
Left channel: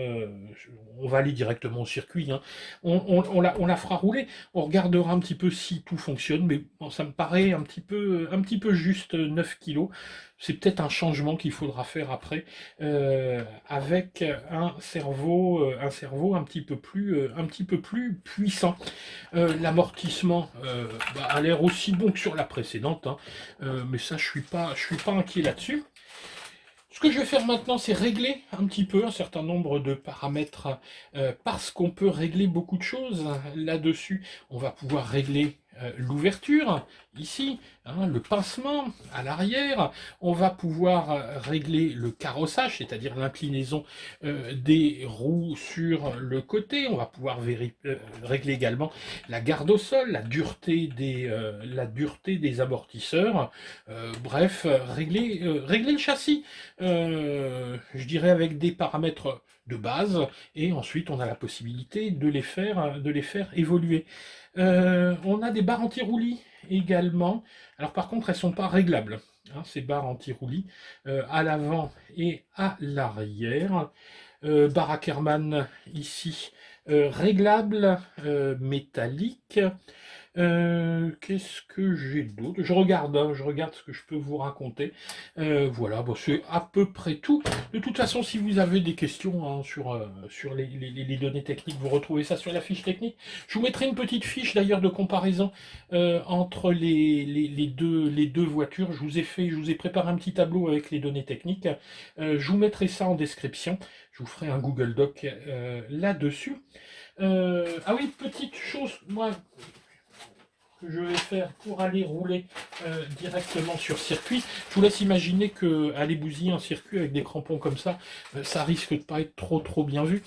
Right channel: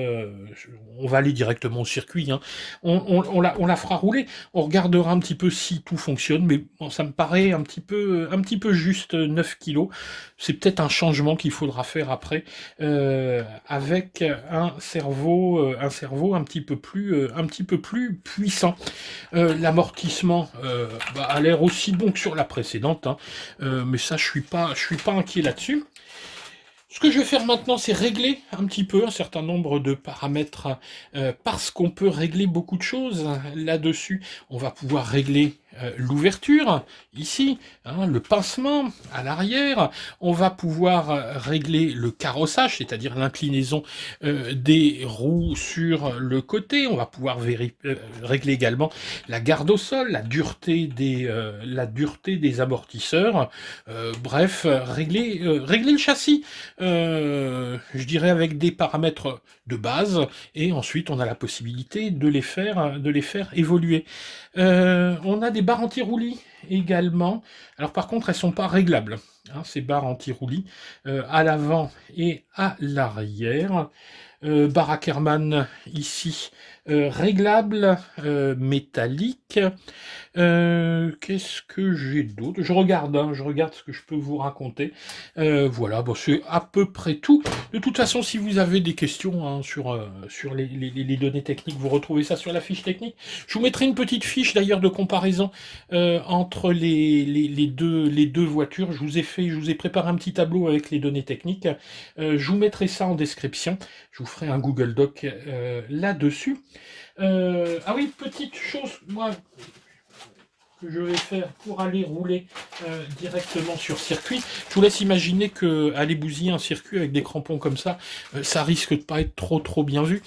on va aller directement au circuit, hein. On la fera rouler. On regardera un petit peu si tout fonctionne. Mais bon, ça me paraît un petit peu juste 9 kilos. C'est peut-être un changement qu'il faudra faire après avec un cerveau un petit peu plus puissant. L'amortissement a l'air aussi bon que sur la précédente, hein. Mais ça, je suis pas inquiet là-dessus. Ce que je vais faire maintenant, c'est régler un petit peu un certain nombre de paramètres, parce qu'on peut régler beaucoup de choses là-dessus. On va pouvoir régler l'ouverture, ici, hein, le pincement à l'arrière. On va pouvoir régler le carrossage, c'est-à-dire l'inclinaison des roues sur le côté. On va pouvoir régler également la garde au sol, la dureté des amortisseurs. Bref, régler le châssis, je dirais avec des paramètres de base, et ensuite on a la possibilité de les faire évoluer. On a des barres anti-roulis également. Alors par contre, elles ne sont pas réglables, hein, ces barres anti-roulis, à l'avant et à l'arrière. Barre Ackermann ici, réglable, métallique. Qu'est-ce que j'ai d'autre? Je regarde, hein, je regarde ce que je peux vous raconter. Voilà, bon, c'est à peu près tout. De toute façon, si vous avez des questions hein, sur les données techniques, vous retrouvez ça sur la fiche technique. Je vous mettrai une petite fiche d'ailleurs de comparaison entre les deux voitures. Je vous ai préparé un petit tableau avec les données techniques. Je vous mettrai ça en description. Je vous ferai un Google Doc là-dessus. Ah oui, petite chose, moi, que je vais faire pour aller rouler directement sur circuit. Je vous laisse imaginer que aller bousiller un circuit avec des crampons comme ça risque de pas être trop bien vu.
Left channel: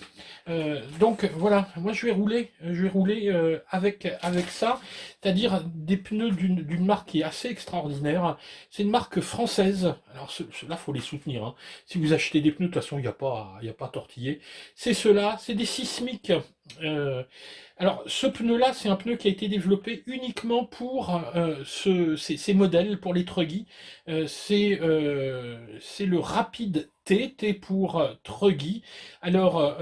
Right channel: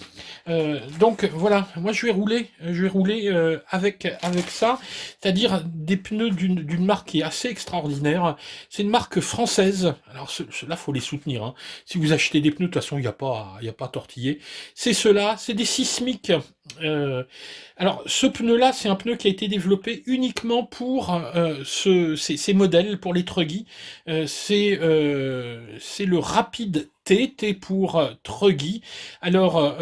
Donc voilà, moi je vais rouler avec ça, c'est-à-dire des pneus d'une marque qui est assez extraordinaire. C'est une marque française. Alors ceux-là, faut les soutenir, hein. Si vous achetez des pneus, de toute façon, il y a pas à tortiller. C'est ceux-là, c'est des Sismic. Alors, ce pneu-là, c'est un pneu qui a été développé uniquement pour ces modèles, pour les truggy. C'est le Rapid T pour Truggy. Alors,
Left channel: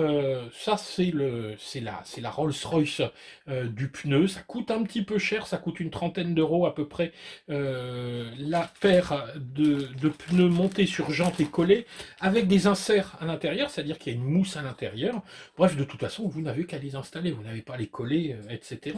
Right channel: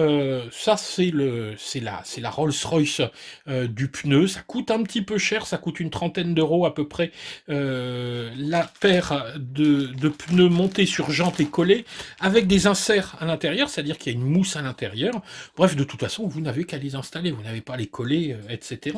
ça, c'est la Rolls-Royce du pneu. Ça coûte un petit peu cher, ça coûte une trentaine d'euros à peu près la paire de pneus montés sur jantes et collés avec des inserts à l'intérieur, c'est-à-dire qu'il y a une mousse à l'intérieur. Bref, de toute façon, vous n'avez qu'à les installer, vous n'avez pas à les coller, etc.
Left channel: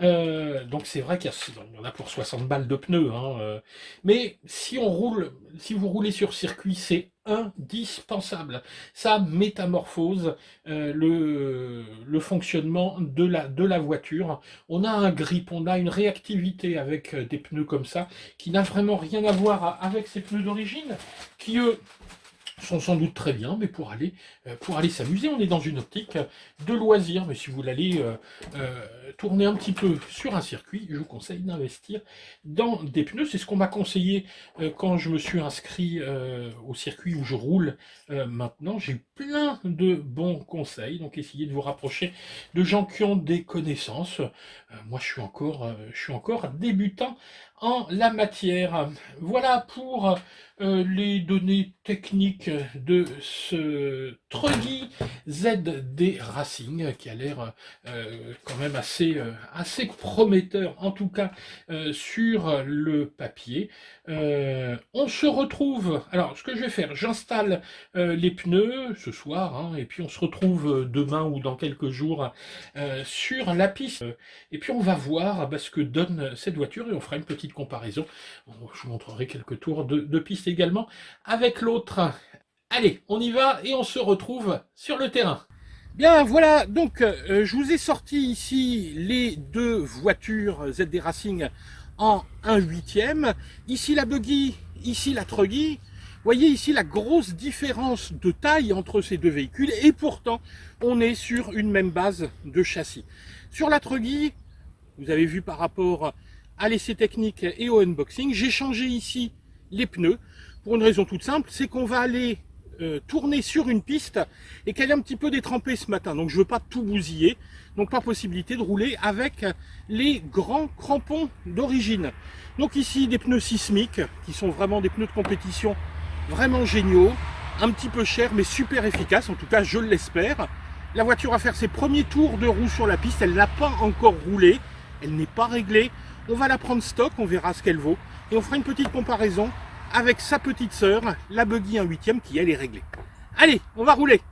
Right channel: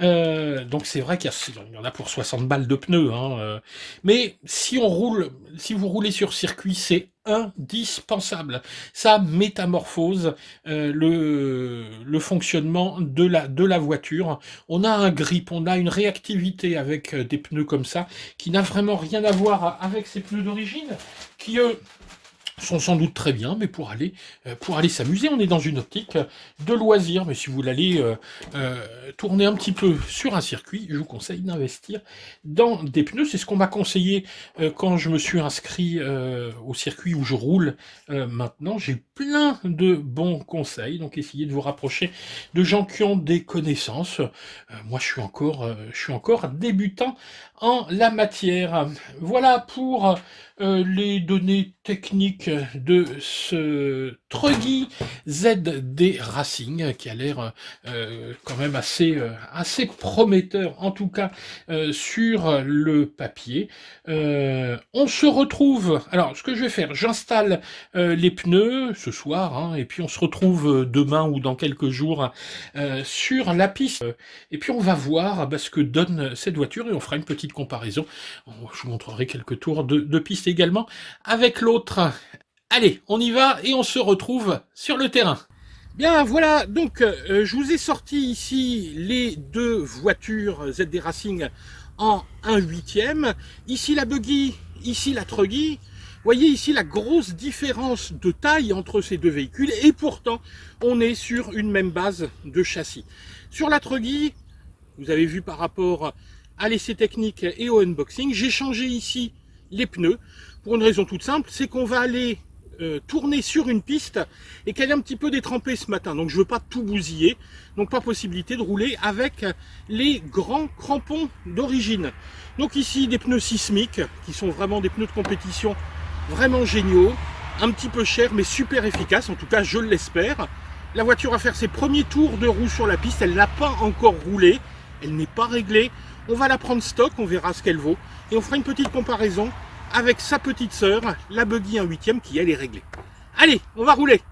Donc c'est vrai qu'il y en a pour 60 balles de pneus, hein, mais si vous roulez sur circuit, c'est indispensable. Ça métamorphose le fonctionnement de la voiture. On a un grip, on a une réactivité avec des pneus comme ça, qui n'a vraiment rien à voir avec ces pneus d'origine, qui eux sont sans doute très bien, mais pour aller s'amuser, on est dans une optique de loisir. Mais si vous voulez tourner un petit peu sur un circuit, je vous conseille d'investir dans des pneus. C'est ce qu'on m'a conseillé quand je me suis inscrit au circuit où je roule maintenant. J'ai eu plein de bons conseils, donc essayez de vous rapprocher de gens qui ont des connaissances. Moi, je suis encore débutant en la matière. Voilà pour les données techniques de ce Truggy ZD Racing qui a l'air quand même assez prometteur, en tout cas sur le papier. On se retrouve, alors ce que je vais faire, j'installe les pneus ce soir, hein, et puis on se retrouve demain ou dans quelques jours sur la piste, et puis on va voir ce que donne cette voiture et on fera une petite comparaison. Je vous montrerai quelques tours de piste également avec l'autre. Allez, on y va et on se retrouve sur le terrain. Bien, voilà, donc je vous ai sorti ici les deux voitures ZD Racing en 1/8. Ici la Buggy, ici la Truggy. Vous voyez ici la grosse différence de taille entre ces deux véhicules et pourtant on est sur une même base de châssis. Sur la Truggy, vous avez vu par rapport à l'essai technique et au unboxing, j'ai changé ici les pneus pour une raison toute simple, c'est qu'on va aller tourner sur une piste et qu'elle est un petit peu détrempée ce matin, donc je ne veux pas tout bousiller, donc pas possibilité de rouler avec les grands crampons d'origine. Donc ici des pneus sismiques qui sont vraiment des pneus de compétition vraiment géniaux, un petit peu chers mais super efficaces, en tout cas je l'espère. La voiture va faire ses premiers tours de roue sur la piste, elle n'a pas encore roulé, elle n'est pas réglée, on va la prendre stock, on verra ce qu'elle vaut et on fera une petite comparaison avec sa petite sœur, la Buggy 1/8 qui elle est réglée. Allez, on va rouler.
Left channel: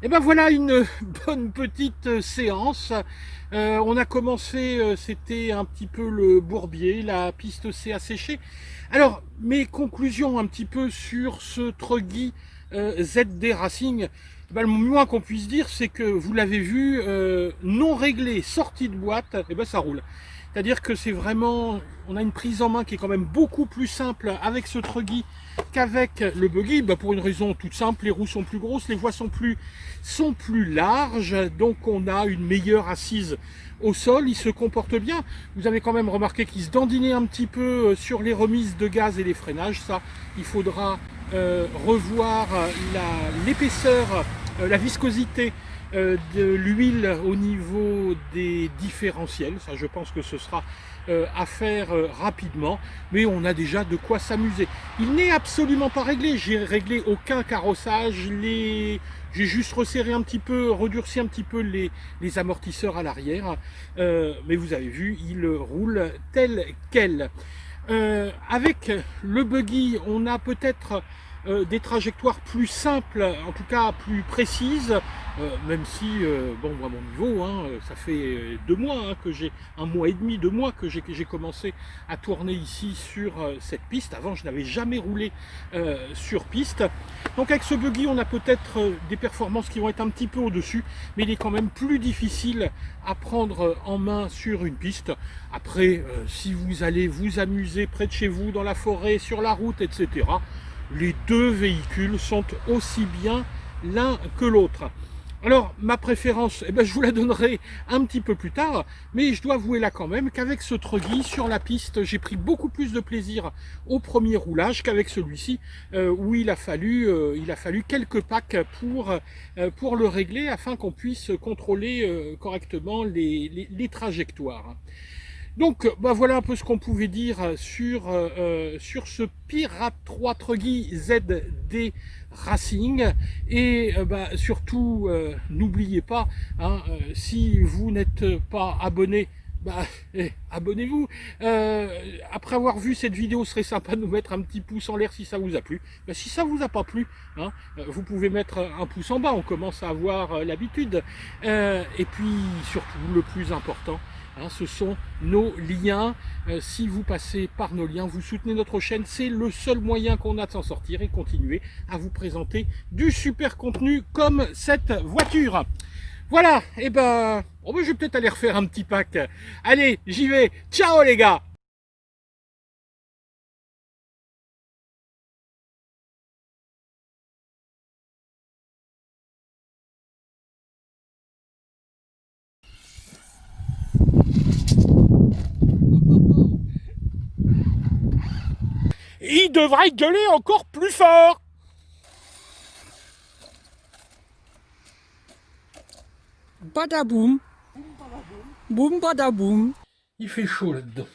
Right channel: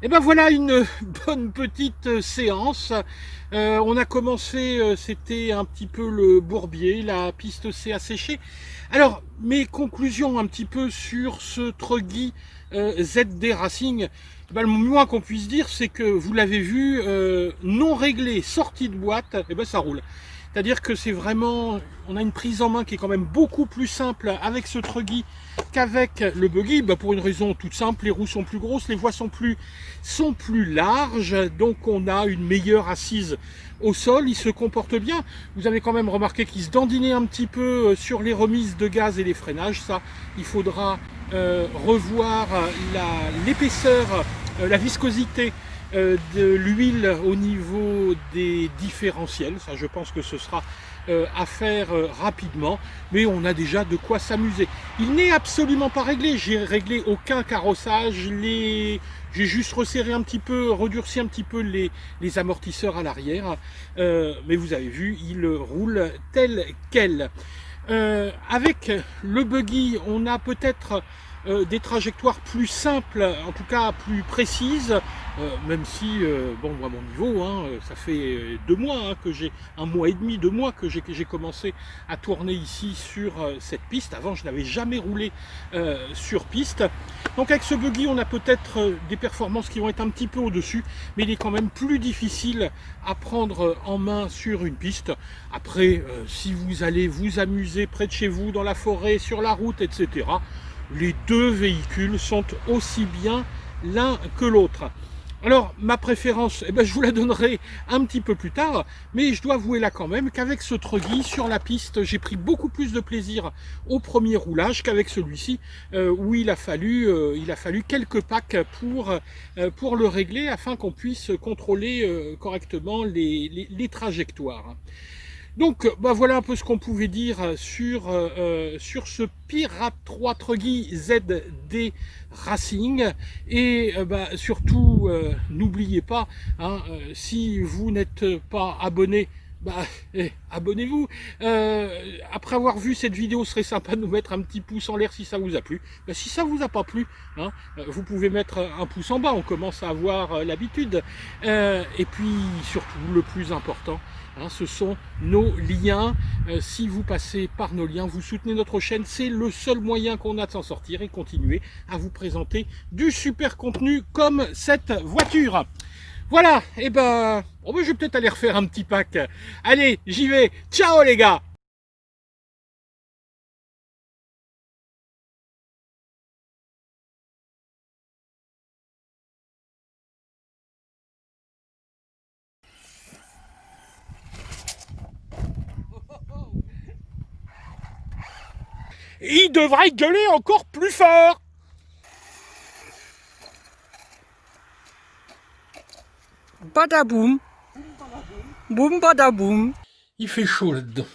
Et ben voilà une bonne petite séance. On a commencé, c'était un petit peu le bourbier, la piste s'est asséchée. Alors, mes conclusions un petit peu sur ce Truggy ZD Racing, ben, le moins qu'on puisse dire, c'est que vous l'avez vu, non réglé, sorti de boîte, et ben ça roule. C'est-à-dire que c'est vraiment, on a une prise en main qui est quand même beaucoup plus simple avec ce Truggy qu'avec le buggy, bah pour une raison toute simple, les roues sont plus grosses, les voies sont plus larges, donc on a une meilleure assise au sol, il se comporte bien. Vous avez quand même remarqué qu'il se dandinait un petit peu sur les remises de gaz et les freinages, ça il faudra revoir l'épaisseur, la viscosité de l'huile au niveau des différentiels. Ça, je pense que ce sera à faire rapidement, mais on a déjà de quoi s'amuser. Il n'est absolument pas réglé, j'ai réglé aucun carrossage, j'ai juste resserré un petit peu, redurci un petit peu les amortisseurs à l'arrière, mais vous avez vu, il roule tel quel. Avec le buggy, on a peut-être des trajectoires plus simples, en tout cas plus précises, même si, bon, moi, mon niveau, hein, ça fait 2 mois hein, que j'ai, 1 mois et demi, 2 mois que j'ai commencé à tourner ici sur cette piste. Avant, je n'avais jamais roulé sur piste. Donc avec ce buggy, on a peut-être des performances qui vont être un petit peu au-dessus, mais il est quand même plus difficile à prendre en main sur une piste. Après, si vous allez vous amuser près de chez vous, dans la forêt, sur la route, etc., les deux véhicules sont aussi bien l'un que l'autre. Alors, ma préférence, eh ben, je vous la donnerai un petit peu plus tard, mais je dois avouer là quand même qu'avec ce Truggy, sur la piste, j'ai pris beaucoup plus de plaisir au premier roulage qu'avec celui-ci, où il a fallu quelques packs pour le régler, afin qu'on puisse contrôler correctement les trajectoires. Donc bah voilà un peu ce qu'on pouvait dire sur ce Pirate 3 Truggy ZD Racing. Et bah, surtout, n'oubliez pas, hein, si vous n'êtes pas abonné, bah, abonnez-vous. Après avoir vu cette vidéo, ce serait sympa de nous mettre un petit pouce en l'air si ça vous a plu. Bah, si ça vous a pas plu, hein, vous pouvez mettre un pouce en bas, on commence à avoir l'habitude. Et puis surtout, le plus important, hein, ce sont nos liens. Si vous passez par nos liens, vous soutenez notre chaîne. C'est le seul moyen qu'on a de s'en sortir et continuer à vous présenter du super contenu comme cette voiture. Voilà, et ben, oh ben je vais peut-être aller refaire un petit pack. Allez, j'y vais. Ciao les gars! Il devrait gueuler encore plus fort! Badaboum, boum badaboum. Il fait chaud là-dedans.